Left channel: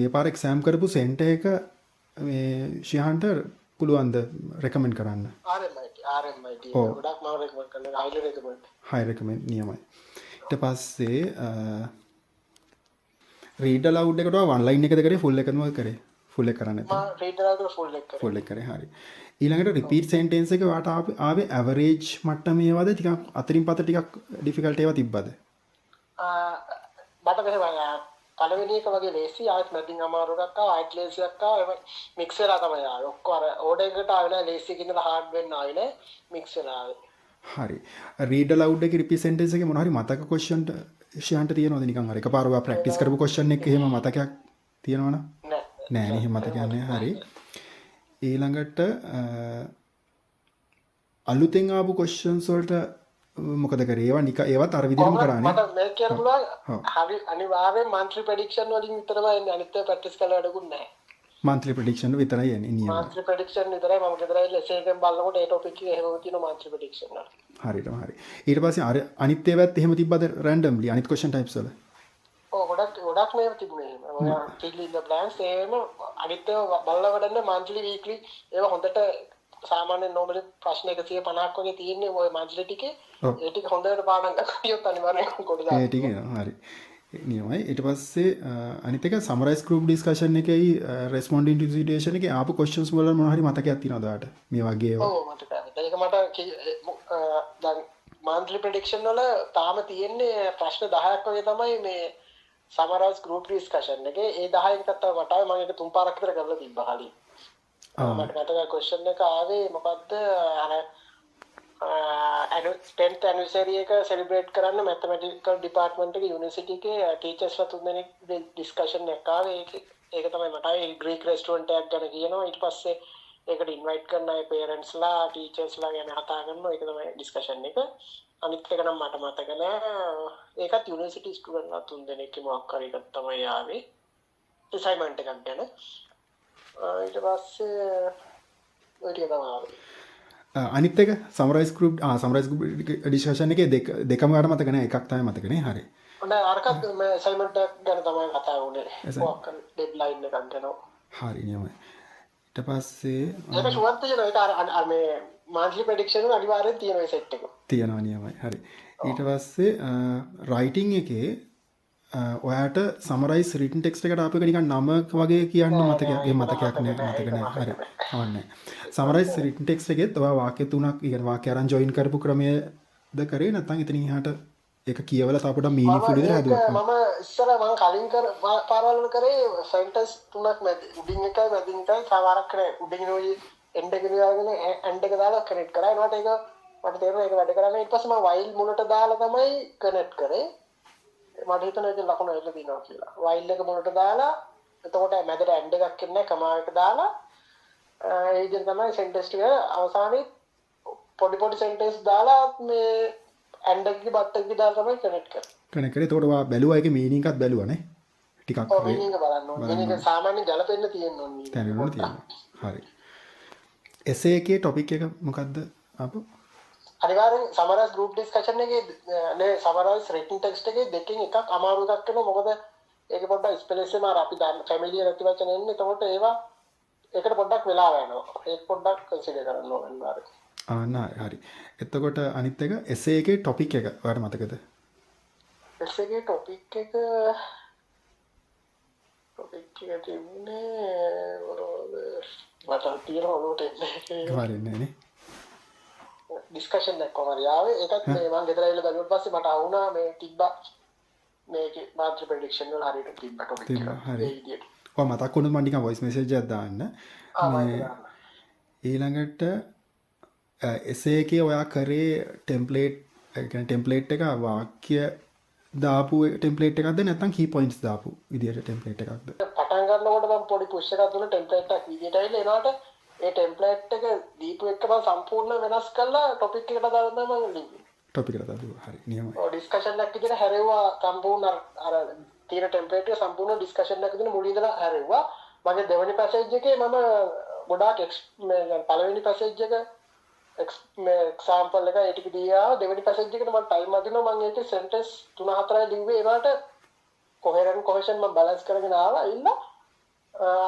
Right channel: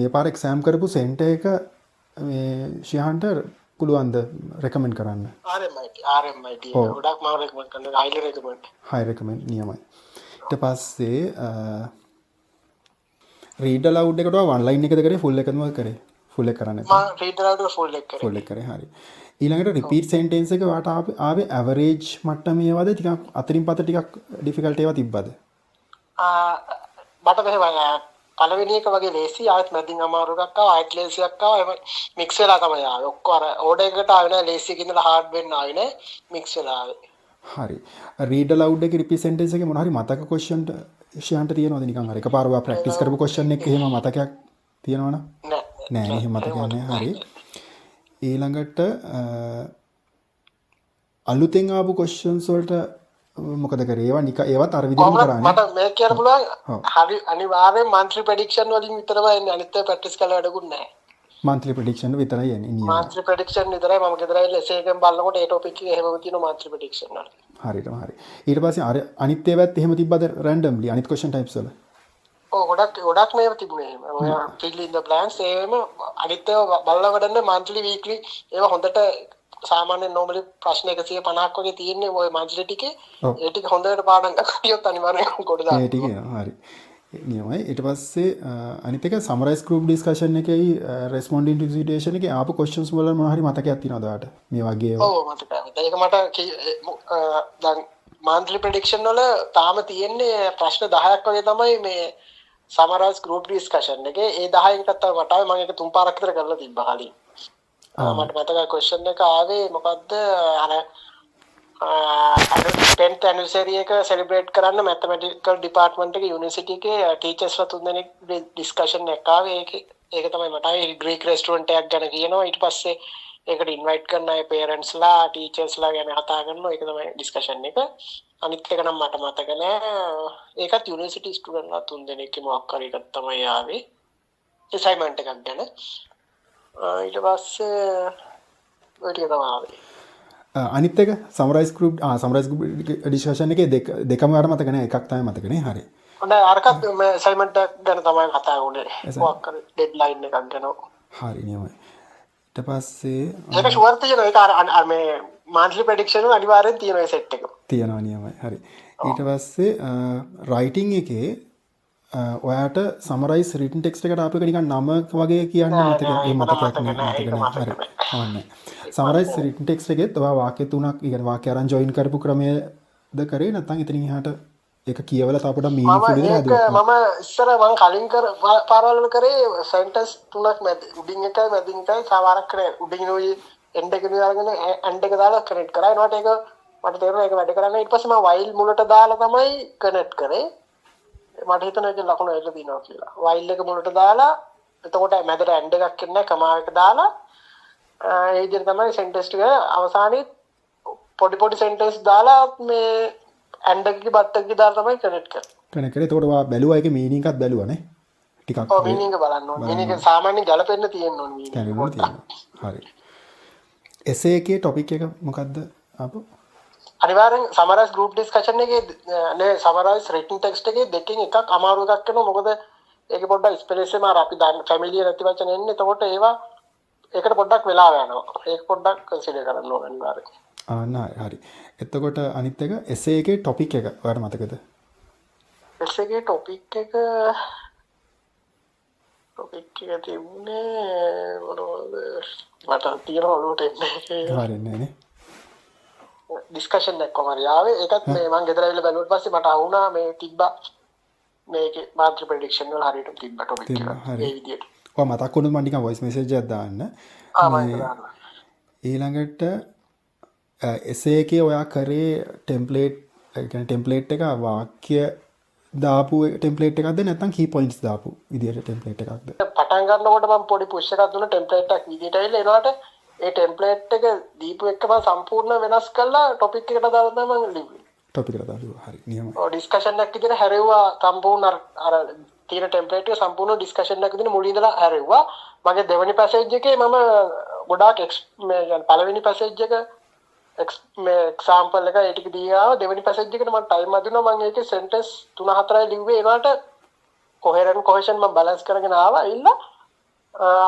මේ පාර එක්සෑම් කරපු සෙන්ටර් එක මේ ශිහාන්ට පුළුවන්ද රෙකමෙන්ඩ් කරන්න? RMIT ඔව්. ගොඩක් මම රෙකමන්ඩ් කරනවා highly recommend. හයි රෙකමෙන්ඩ් නියමයි. ඊට පස්සේ රීඩ් අලවුඩ් එකට ඔන්ලයින් එකද කරේ ෆුල් එකම කරේ? ෆුල් එක කරන්නේ නැත්නම් මම read aloud full එක කරේ. ෆුල් එක කරේ. හරි. ඊළඟට රිපීට් සෙන්ටෙන්ස් එක වාට ආවේ ඇවරේජ් මට්ටමේ ඒවාද ටිකක් අතරින් පත ටිකක් ඩිෆිකල්ට් ඒවා තිබ්බද? මට මෙහෙම පළවෙනි එක වගේ ලේසි ආයෙත් මැදින් අමාරු එකක් ආවා ආයෙත් ලේසි එකක් ආවා එහෙම මික්ස් වෙලා තමයි ආවේ. ඔක්කොම අර ඕඩර් එකකට ආවේ නෑ ලේසි එකකින් ඉඳලා හાર્ඩ් වෙන්න ආවේ නෑ මික්ස් වෙලා ආවේ. හරි. රීඩ් අලවුඩ් එකේ රිපීට් සෙන්ටෙන්ස් එකේ මොන හරි මතක ක්වෙස්චන් ශිහාන්ට තියෙනවද නිකන් අර එකපාර ඔයා ප්‍රැක්ටිස් කරපු ක්වෙස්චන් එක එහෙම මතකයක් තියෙනවනම්? නෑ නේ එහෙම මතකයක් නෑ. හරි. ඊළඟට අලුතෙන් ආපු ක්වෙස්චන්ස් වලට මොකද කරේ? ඒවා ඒවත් අර විදිහටම කරානේ. මට මේක කියන්න පුළුවන් ඔව්. හරි අනිවාර්යෙන් monthly prediction වලින් විතරමයි එන්නේ අනිත් ඒවා ප්‍රැක්ටිස් කරලා වැඩකුත් නැහැ. මන්ත්ලි ප්‍රෙඩික්ෂන් විතරයි එන්නේ නියම. monthly prediction විතරයි මම ගෙදර ඇවිල්ලා essay එකෙන් බලනකොට ඒ topic එක එහෙමම තියෙනවා monthly prediction වල. හරියටම හරි. ඊට පස්සේ අර අනිත් ඒවාත් එහෙම තිබ්බද රැන්ඩම්ලි අනිත් ක්වෙස්චන් ටයිප්ස් වල? ඔව් ගොඩක් මේව තිබුණේ එහෙම. ඔය fill in the blanks ඒවෙම අනිත් ඒවා බලලා වැඩන්නේ monthly weekly ඒවා හොඳට සාමාන්‍යයෙන් normally ප්‍රශ්න 150ක් වගේ තියෙන්නේ ඔය monthly ටිකේ. ඔව්. ඒ ටික හොඳට පාඩම් කරගියොත් අනිවාර්යෙන් කොට දාන්න. ඒ ටික එනවා. හරි. නියමයි. ඊට පස්සේ අනිත් එක සමරයිස් ගෲප් ඩිස්කෂන් එකේයි රෙස්පොන්ඩින් ටු සිටුේෂන් එකේ ආපු ක්වෙස්චන්ස් වල මොනවා හරි මතකයක් තියෙනවද ඔයාලට? මේ වගේ ඒවා. ඔව් මතකයි. ඒක මට දැන් monthly prediction වල තාම තියෙන්නේ ප්‍රශ්න 10ක් වගේ තමයි මේ summarize group discussion එකේ. ඒ 10න් එකක් තමයි මට ආවේ. මම ඒක තුන් පාරක් විතර කරලා තිබ්බා කලින්. මට මතකයි question එක ආවේ මොකද්ද අර 10th anniversary එක celebrate කරන්න mathematical department එකේ university එකේ teachers ලා තුන්දෙනෙක් discussion එකක් ආවේ. ඒක තමයි මට ආවේ Greek restaurant එකක් ගැන කියනවා. ඊට පස්සේ ඒකට ඉන්වයිට් කරන අය පේරන්ට්ස් ලා ටීචර්ස් ලා ගැන කතා කරනවා. ඒක තමයි ඩිස්කෂන් එක. අනිත් එක නම් මට මතක නෑ. ඒකත් යුනිවර්සිටි ස්ටුඩන්ට් ලා තුන්දෙනෙක් මොකක් හරි එකක් තමයි ආවේ. අසයින්මන්ට් එකක් ගැන. ඊට පස්සේ ඔය ටික තමයි ආවේ. අනිත් එක සමරයිස් ගෲප් ඩිස්කෂන් එකේ දෙකම වඩ මතක නෑ එකක් තමයි මතක නේ. හරි. හොඳයි අරකට මේ අසයින්මන්ට් එක ගැන තමයි කතා වුණේ. මොකක් හරි ඩෙඩ්ලයින් එකක් ගැන. හරි නියමයි. ඊට පස්සේ ඒක ෂුවර් තියෙනවා ඒක අර මේ monthly prediction වල අනිවාර්යෙන් තියෙනවා ඒ සෙට් එක. තියෙනවා නියමයි. හරි. ඊට පස්සේ රයිටින් එකේ ඔයාට සමරයිස් රිටන් ටෙක්ස්ට් එකට ආපු එක නිකන් නම වගේ කියන්න මතක ඒ මතකයක් නෑ. මතක නෑ. හරි. අවන්නේ. සමරයිස් රිටන් ටෙක්ස්ට් එකෙත් ඔයා වාක්‍ය තුනක් ඉගෙන වාක්‍ය අරන් ජොයින් කරපු ක්‍රමයේද කරේ නැත්නම් එතනින් එහාට ඒක කියවලා තාපට මීනිෆුල් විදිහට හදුවා. මම ඉස්සර මම කලින් පාරවල් වල කරේ සෙන්ටෙන්ස් තුනක් මැද උඩින් එකයි මැදින් එකයි සමහරක් කරේ උඩින් ඔය එන්ඩ් එක දාගෙන එන්ඩ් එක දාලා කනෙක්ට් කරා. ඒනට ඒක මට තේරුණා ඒක වැඩ කරන්නේ. ඊට පස්සේ මම while මුලට දාලා තමයි කනෙක්ට් කරේ. මට හිතෙනවා ඒක ලකුණු එල්ල දිනවා කියලා. while එක මුලට දාලා එතකොට මැදට එන්ඩ් එකක් ඉන්නේ කමා එක දාලා ඒ විදිහට තමයි සෙන්ටෙන්ස් ටික අවසානයේ පොඩි සෙන්ටෙන්ස් දාලා මේ එන්ඩ් එකේ බට් එකේ දාලා තමයි කනෙක්ට් කරන්නේ. කනෙක්ට් කරේ. එතකොට ඔයා බැලුවා ඒකේ මීනින් එකත් බැලුවා නේ? ටිකක්. ඔව් මීනින් එක බලන්න ඕනේ. මීනින් එක සාමාන්‍යයෙන් ගැලපෙන්න තියෙන්න ඕනේ මීනින්. හරි. එසේ එකේ ටොපික් එක මොකද්ද ආපු? අනිවාර්යෙන් සමරයිස් ගෲප් ඩිස්කෂන් එකේ නේ සමරයිස් රිටන් ටෙක්ස්ට් එකේ දෙකෙන් එකක් අමාරු එකක් කරනවා. මොකද ඒකේ පොඩ්ඩක් ස්පෙලිෂන් මාර අපි දැන් ෆැමිලියර් නැති වචන එන්නේ. එතකොට ඒවා ඒකට පොඩ්ඩක් වෙලා යනවා. ඒක පොඩ්ඩක් කන්සිඩර් කරන්න ඕනේ අනිවාර්යෙන්. හරි. එතකොට අනිත් එක එසේ එකේ ටොපික් එක ඔයාලට මතකද? එසේ එකේ ටොපික් එක තිබුණේ මොනවද? මට තියෙනවා ඔලුවට එන්නේ. හරියන්නේ නේ. ඩිස්කෂන් එකක් කොහමද ආවේ? ඒකත් මේ මම ගෙදර ඇවිල්ලා බැලුවට පස්සේ මට අහුණා මේ තිබ්බා මේකේ monthly prediction වල හරියට තිබ්බා ටොපික් එක. ඒ විදියට. ඔය මතක් වුණොත් මම නිකන් voice message එකක් දාන්න. ඊළඟට එසේ එකේ ඔයා කරේ ටෙම්ප්ලේට් එක වාක්‍ය දාපු ටෙම්ප්ලේට් එකක්ද නැත්නම් key points දාපු විදියට ටෙම්ප්ලේට් එකක්ද? පටන් ගන්නකොට මම පොඩි පුෂ් එකක් දුන්නා ටෙම්ප්ලේට් එකක් විදියට ඇවිල්ලා ඒනට ඒ ටෙම්ප්ලේට් එක දීපු එක මම සම්පූර්ණ වෙනස් කරලා ටොපික් එකට දාලා තමයි මම ලිව්වේ. ටොපික් එකට දාලා හරි නියමයි. ඔව් ඩිස්කෂන් එකක් විදියට හැරෙව්වා සම්පූර්ණ අර තියෙන ටෙම්ප්ලේට් එක සම්පූර්ණ ඩිස්කෂන් එකක් විදියට මුලින් ඉඳලා හැරෙව්වා. මගේ දෙවෙනි පැසේජ් එකේ මම ගොඩාක් පළවෙනි පැසේජ් එක මේ එක්සැම්පල් එක ඒ ටික දීලා දෙවෙනි පැසේජ් එකට මම ටයිම් අදිනවා මම ඒකේ සෙන්ටෙන්ස් 3-4යි ලිව්වේ ඒකට කොහෙරන් කොහෙෂන් මම බැලන්ස් කරගෙන ආවා ඉන්න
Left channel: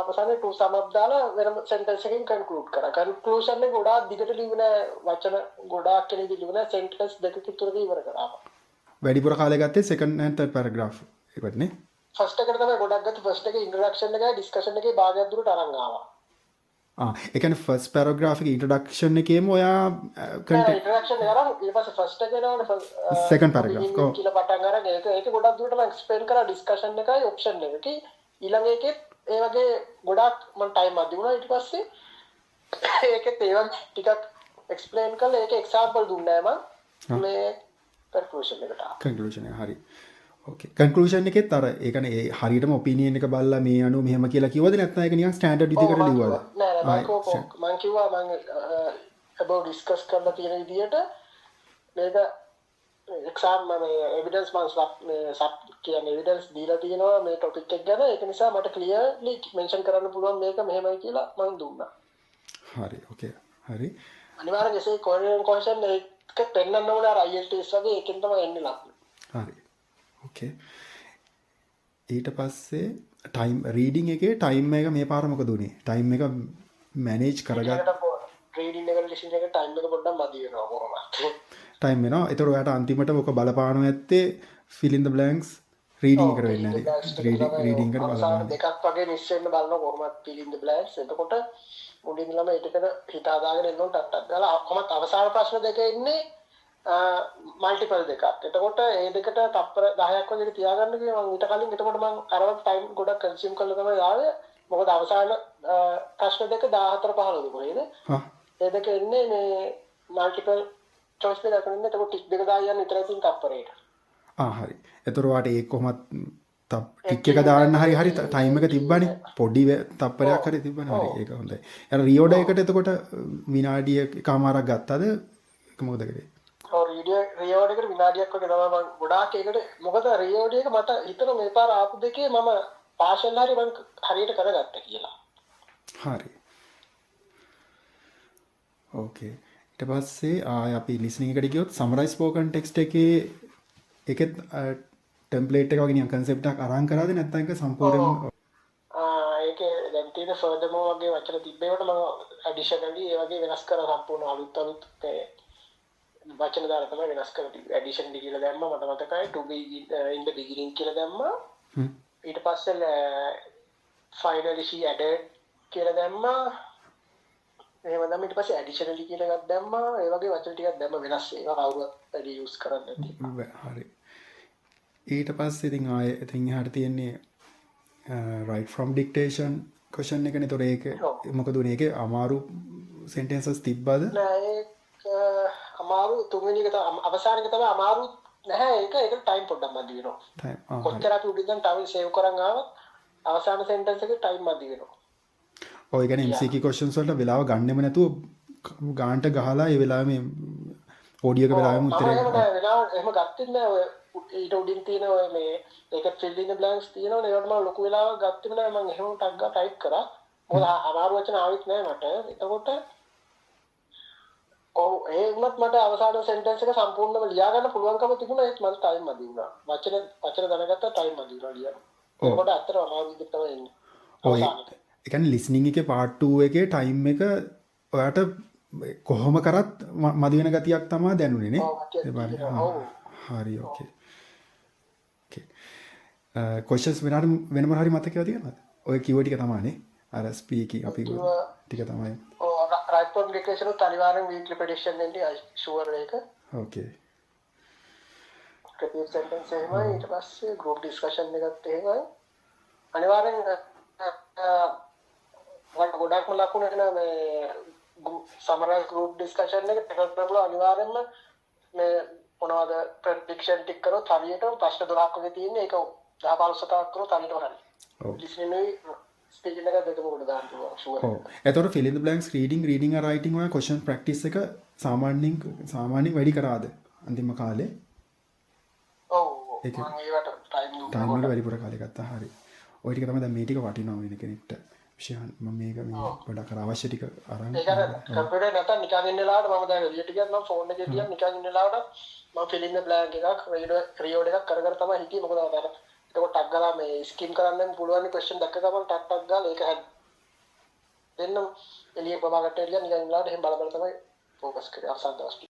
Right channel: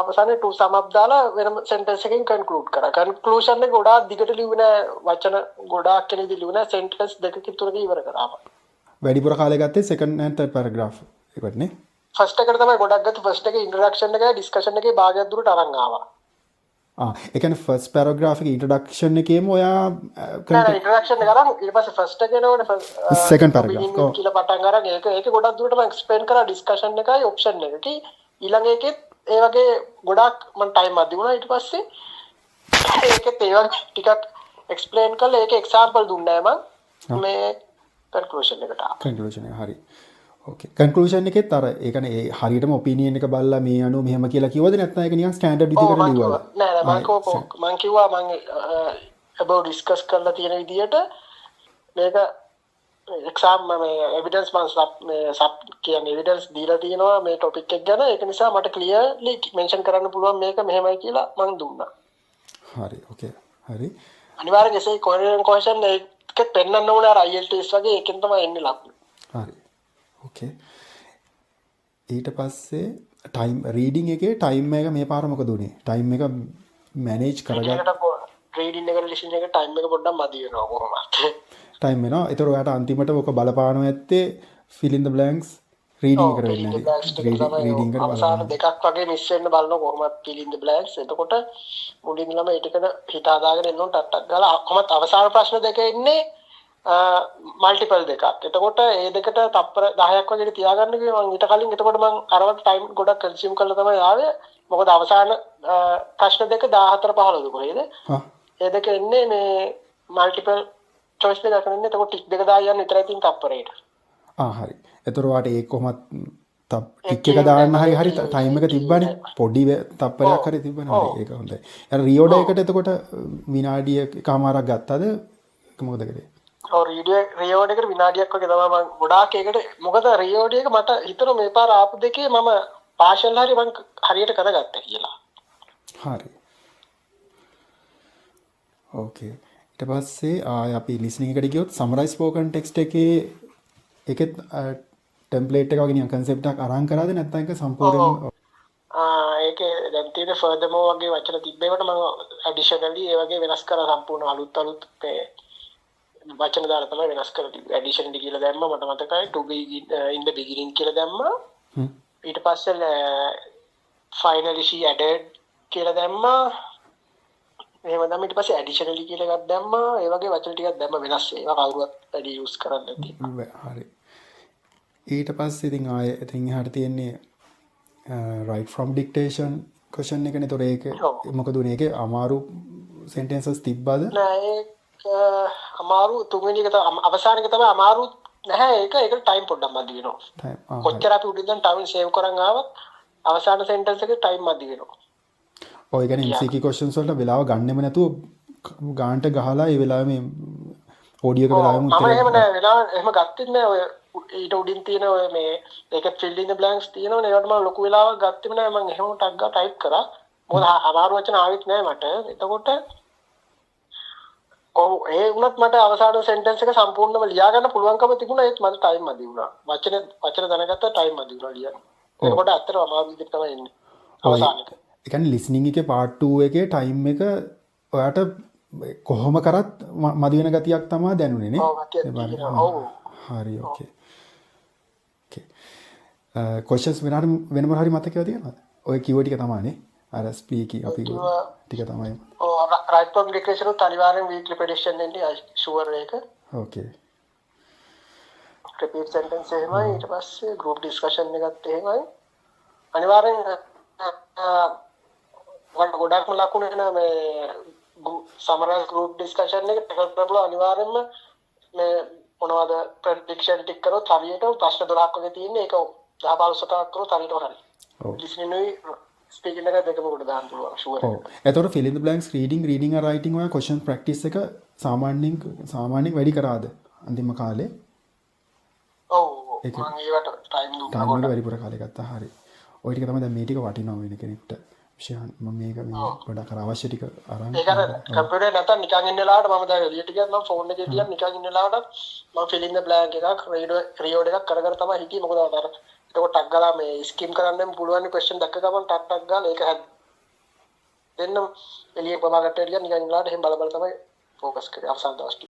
අවසානයේ ටු සම් අප් දාලා වෙනම සෙන්ටෙන්ස් එකකින් කන්ක්ලූඩ් කරා. කන්ක්ලූෂන් එක ගොඩාක් දිගට ලියුවේ නෑ වචන ගොඩාක් කෙනෙක් ලියුවේ නෑ සෙන්ටෙන්ස් දෙකකින් තුනක ඉවර කරා. වැඩිපුර කාලය ගත්තේ සෙකන්ඩ් ඇන්ඩ් තර්ඩ් පැරග්‍රාෆ් එකටනේ. ෆස්ට් එකට තමයි ගොඩක් ගත්තේ. ෆස්ට් එකේ ඉන්ට්‍රොඩක්ෂන් එකයි ඩිස්කෂන් එකේ භාගයක් දුරට අරන් ආවා. ඒ කියන්නේ ෆස්ට් පැරග්‍රාෆ් එකේ ඉන්ට්‍රොඩක්ෂන් එකේම ඔයා නෑ ඉන්ට්‍රොඩක්ෂන් එක අරන් ඊට පස්සේ ෆස්ට් එකේ නෝනේ සෙකන්ඩ් පැරග්‍රාෆ් ඔව් කියලා පටන් අරන් ඒක ගොඩක් දුරට මම එක්ස්ප්ලেইন කරා ඩිස්කෂන් එකයි ඔප්ෂන් එකයි ඊළඟ එකෙත් ඒ වගේ ගොඩක් මම ටයිම් අද වුණා. ඊට පස්සේ ඒකෙත් ඒ වගේ ටිකක් එක්ස්ප්ලেইন කරලා ඒක එක්සැම්පල් දුන්නා මම මේ කන්ක්ලූෂන් එකට ආවා. කන්ක්ලූෂන් එක හරි. ඕකේ කන්ක්ලූෂන් එකෙත් අර ඒ කියන්නේ ඒ හරියටම ඔපිනියන් එක බලලා මේ අනුව මෙහෙම කියලා කිව්වද නැත්නම් ඒක නිකන් ස්ටෑන්ඩඩ් විදිහකට ලිව්වද? නෑ මම කිව්වා මම about ඩිස්කස් කරලා තියෙන විදිහට මේක එක්සාම් මේ එවිඩන්ස් මම සබ් කියන්නේ එවිඩන්ස් දීලා තියෙනවා මේ ටොපික් එක ගැන. ඒක නිසා මට ක්ලියර්ලි මෙන්ෂන් කරන්න පුළුවන් මේක මෙහෙමයි කියලා මම දුන්නා. හරි ඕකේ හරි. අනිවාර්යෙන් එසේ කොහෙන් කොහෙන් ඒක පෙන්වන්න ඕනේ අර IELTS වගේ එකෙන් තමයි එන්නේ ලකුණු. හරි ඕකේ. ඊට පස්සේ ටයිම් රීඩින් එකේ ටයිම් එක මේ පාර මොකද උනේ? ටයිම් එක මැනේජ් කරගන්න රීඩින් එකට ලිසන් එකට ටයිම් එක පොඩ්ඩක් මදි වෙනවා කොහොමද? ටයිම් වෙනවා. ඒතර ඔයාට අන්තිමට ඔක බලපානවා ඇත්තේ fill in the blanks reading එකට වෙන්නේ නැති. රීඩින් එකට බලපාන දෙකක් වගේ මිස් වෙන්න බලනවා කොහොමද fill in the blanks. එතකොට මුලින් ළම ඒ ටිකන හිත හදාගෙන එන්න ඕන ටක් ගාලා කොහොමද අවසාන ප්‍රශ්න දෙක එන්නේ මල්ටිපල් දෙකක්. එතකොට ඒ දෙකට තප්පර 10ක් වගේ තියාගන්න කිව්වා මම ඊට කලින්. එතකොට මම අරවට ටයිම් ගොඩක් කන්සියුම් කරලා තමයි ආවේ. මොකද අවසාන ප්‍රශ්න දෙක 14 15 කොහෙද? ඒ දෙක එන්නේ මේ මල්ටිපල් චොයිස් දෙකක් නෙන්නේ. එතකොට ටික් දෙක දාලා යන්න විතරයි තියෙන තප්පරේට. හරි. එතකොට ඔයාට ඒක කොහොමත් ටික් එක දාන්න හරි ටයිම් එක තිබ්බනේ. පොඩි තප්පරයක් හරි තිබ්බනේ. හරි ඒක හොඳයි. අර රියෝඩ එකට එතකොට විනාඩිය එකමාරක් ගත්තද? ඒක මොකද කරේ? ඔව් රියෝඩ එකට විනාඩියක් වගේ තමයි මම ගොඩාක් ඒකට මොකද රියෝඩ එක මට හිතෙනවා මේ පාර ආපු දෙකේ මම පාෂල් හරි මම හරියට කරගත්තා කියලා. හරි. ඕකේ. ඊට පස්සේ අපි ලිස්නින් එකට ගියොත් සමරයිස් ස්පෝකන් ටෙක්ස්ට් එකේ ඒකෙත් ටෙම්ප්ලේට් එක වගේ නිකන් කන්සෙප්ට් එකක් අරන් කරාද නැත්නම් ඒක සම්පූර්ණයෙන් ඒකේ දැන් තියෙන ෆර්දර්මෝ වගේ වචන තිබ්බේකට මම ඇඩිෂනලි ඒ වගේ වෙනස් කරලා සම්පූර්ණ අලුත් වචන දාලා තමයි වෙනස් කරලා තිබ්බේ. ඇඩිෂන් ඩි කියලා දැම්මා මට මතකයි to be in the beginning කියලා දැම්මා. ඊට පස්සේ finally she added කියලා දැම්මා. එහෙම නම් ඊට පස්සේ ඇඩිෂනලි කියලා එකක් දැම්මා. ඒ වගේ වචන ටිකක් දැම්ම වෙනස් ඒවා කවුරුවත් වැඩි යූස් කරන්නේ නැති. හරි. ඊට පස්සේ ඉතින් ආයෙ ඉතින් එහාට තියෙන්නේ right from dictation question එකනේ. ඒතොර ඒක මොකද උනේ? ඒකේ අමාරු sentences තිබ්බද? නෑ ඒක අමාරු තුන්වෙනි එක තමයි අවසාන එක තමයි අමාරු නැහැ. ඒකට ටයිම් පොඩ්ඩක් මදි වෙනවා. ටයිම් කොච්චර අපි උඩින් දැන් ටයිම් සේව් කරන් ආවත් අවසාන සෙන්ටෙන්ස් එකේ ටයිම් මදි වෙනවා. ඔය කියන්නේ MCQ questions වලට වෙලාව ගන්නෙම නැතුව ගානට ගහලා ඒ වෙලාවෙ මේ ඔඩියෝ එක වෙලාවෙම උත්තරේ එහෙම නෑ වෙලාව එහෙම ගත්තෙත් නෑ. ඔය ඊට උඩින් තියෙන ඔය මේ ඒක fill in the blanks තියෙනවනේ. ඒකට මම ලොකු වෙලාවක් ගත්තෙම නෑ. මම එහෙම ටක් ගා ටයිප් කරා. මොකද අමාරු වචන ආවෙත් නෑ මට. එතකොට ඔව් ඒ වුණත් මට අවසාන සෙන්ටෙන්ස් එක සම්පූර්ණයෙන්ම ලියා ගන්න පුළුවන්කම තිබුණා. ඒත් මට ටයිම් මදි වුණා. වචන දැනගත්තා ටයිම් මදි වුණා ලියන්න. ඒකට ඇත්තටම අමාරු විදිහට තමයි එන්නේ. අවසානට. ඒ කියන්නේ ලිස්නින් එකේ part 2 එකේ ටයිම් එක ඔයාට කොහොම කරත් මදි වෙන ගතියක් තමයි දැනුනේ නේ. හරි ඕකේ. ඕකේ. questions වෙනම හරි මතකව තියෙනවද? ඔය කිව්ව ටික තමයිනේ. අර ස්පීකින් අපි ටික තමයි. right from dictation උත් අනිවාර්යෙන් weekly prediction එන්නේ sure එක. ඕකේ. repeat sentence එහෙමයි. ඊට පස්සේ group discussion එකත් එහෙමයි. අනිවාර්යෙන් ගොඩක්ම ලකුණු එන මේ summarize group discussion එක ටෙකල් අනිවාර්යෙන්ම මේ මොනවද prediction ටික කරොත් හරියට ප්‍රශ්න 12ක් වගේ තියෙන්නේ. ඒක 10 15 ක් කරොත් හරියට හරි. ඔව්. listening ස්පීකින් එක දෙකම කොට දාන්න පුළුවන් ෂුවර්. ඔව්. එතකොට fill in the blanks reading and writing ඔය question practice එක සාමාන්‍යයෙන් වැඩි කරාද අන්තිම කාලේ? ඔව්. මම ඒවට ටයිම් වැඩිපුර කාලේ ගත්තා. හරි. ඔය ටික තමයි දැන් මේ ටික වටිනවා වෙන කෙනෙක්ට. විශේෂයෙන් මම මේක මේ ගොඩක් අවශ්‍ය ටික අරන් ඒක අර කම්පියුටර් නැත්නම් නිකන් ඉන්න වෙලාවට මම දැන් එළියට ගියත් මම ෆෝන් එකේ ගියත් නිකන් ඉන්න වෙලාවට මම fill in the blank එකක් රියෝඩ් එකක් කර කර තමයි හිටියේ. මොකද අර එතකොට ටක් ගාලා මේ ස්කිම් කරන්නම් පුළුවන් ක්වෙස්චන් දැක්ක ගමන් ටක් ගාලා ඒක හැදෙන්න එළිය ප්‍රභාකරට එළිය නිකන් ඉන්නලාට එහෙම බල බල තමයි ફોකස් කරේ අවසන් දවස් ටික.